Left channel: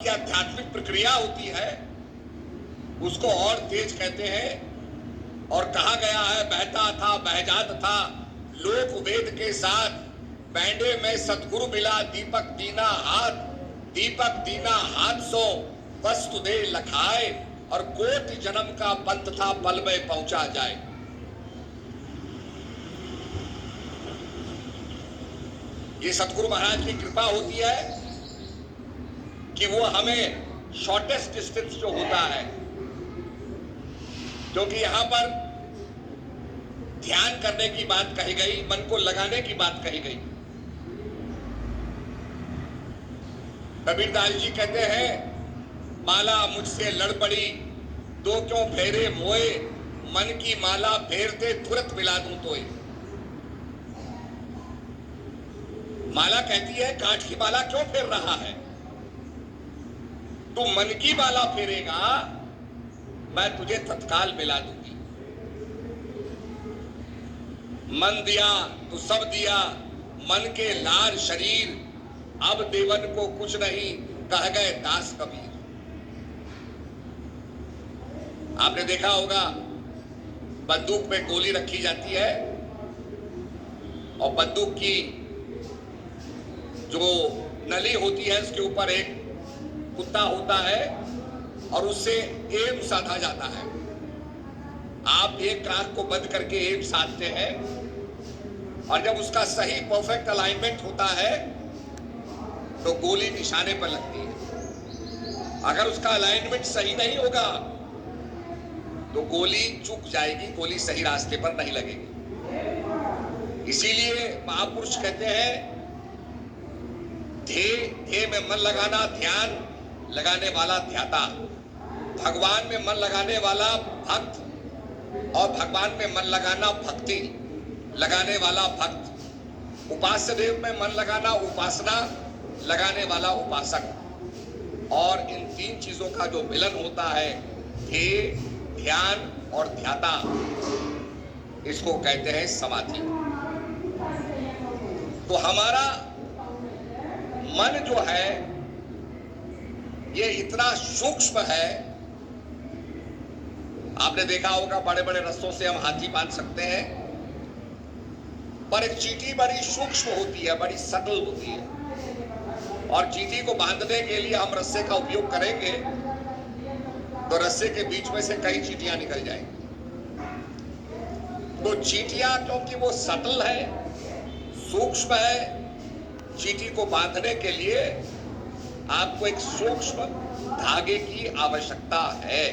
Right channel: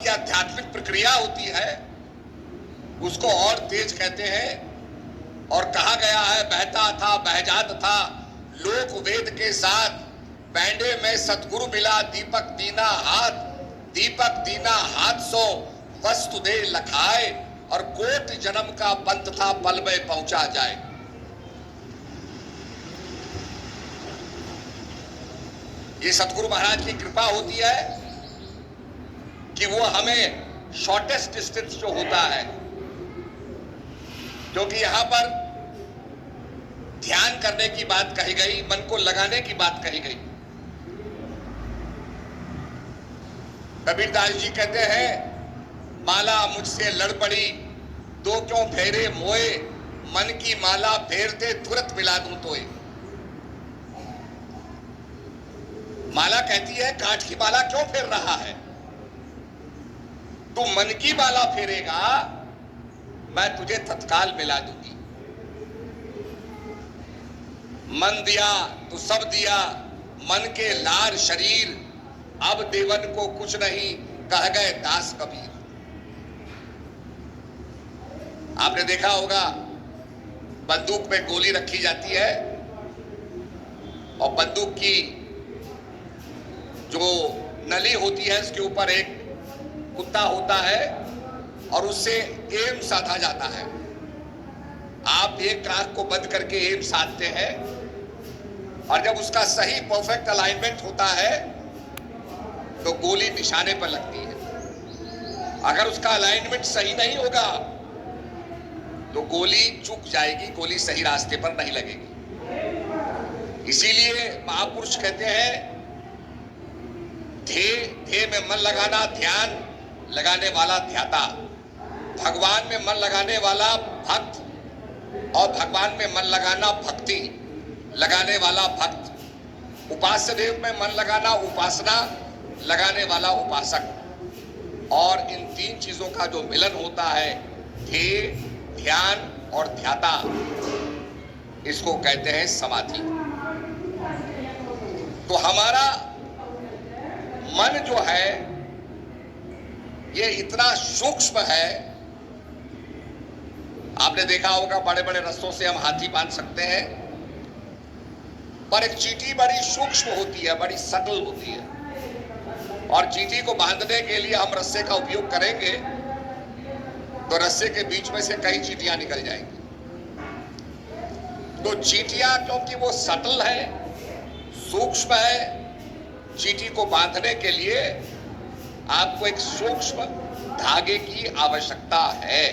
ये आध्यात्मिक प्रक्रिया होती है, उसको और तेज कहते हैं। और कहा गया है, बहता था बहजात था लोक वेद के साथ, बैंडे में सतगुरु मिला दीपक दीना हाथ सो वस्तु दे लखाए, और कोटि जन्म का पंथ था पल में पहुंचा जाए। ये सतगुरु महाराज की कृपा होती है कि वो हमें शॉर्टेस्ट डिस्टेंस जो होता है, क्योंकि यहां पर ध्यान करने की बात कही गई, मन को लगाने की बात कही गई। कबीरदास जी कहते हैं, माला मुझसे लड़ पड़ी दो क्यों फेरे मोए, मन की माला फेरते तुरंत मिला दूं तोय। माला कहती है, कांच की माला क्यों फेर रहा है? तू मन की माला फेरेगा, मैं तुझे तत्काल मिला दूंगी। मन दिया तो सब दिया, मन के लार शरीर, अब देवन को कुछ नहीं, कह गए दास कबीर। आपने देखा होगा, बंदूक में गोली रखी जाती है और बंदूक की जो नली होती है उसके ऊपर एक कुत्ता होता है और उससे एम साधा जाता है। आप एक आंख को बंद करके एम साधते हैं और जब उसका सही परफेक्ट अलाइनमेंट होता है तो गोली निशाने पर लगती है। अगर उसका अलाइनमेंट सही नहीं होगा तो गोली चूक जाएगी, गोली सही रास्ते पर नहीं लगेगी। इसीलिए महापुरुष कहते हैं, ध्येय में मन लगाना ध्यान लगाने वाला ध्याता, भगवान में मन लगाने वाला भक्त, और भगवान में मन लगाना भक्ति लगाने वाला भक्त, उपास्य देव में मन लगाना उपासना लगाने वाला उपासक। और इन तीन चीजों का जो मिलन होता है, ध्येय, ध्यान और ध्याता, इसको कहते हैं समाधि। तो हमारा मन जो है ये इतना सूक्ष्म है। आपने देखा होगा, बड़े बड़े रस्सों से हम हाथी बांध सकते हैं, पर एक चींटी बड़ी सूक्ष्म होती है, बड़ी सटल होती है। और चींटी को बांधने के लिए हम रस्से का उपयोग करेंगे तो रस्से के बीच में से कई चींटियां निकल जाएंगी। तो चींटियां क्योंकि वो सटल है, सूक्ष्म है, चींटी को बांधने के लिए आपको एक सूक्ष्म धागे की आवश्यकता है।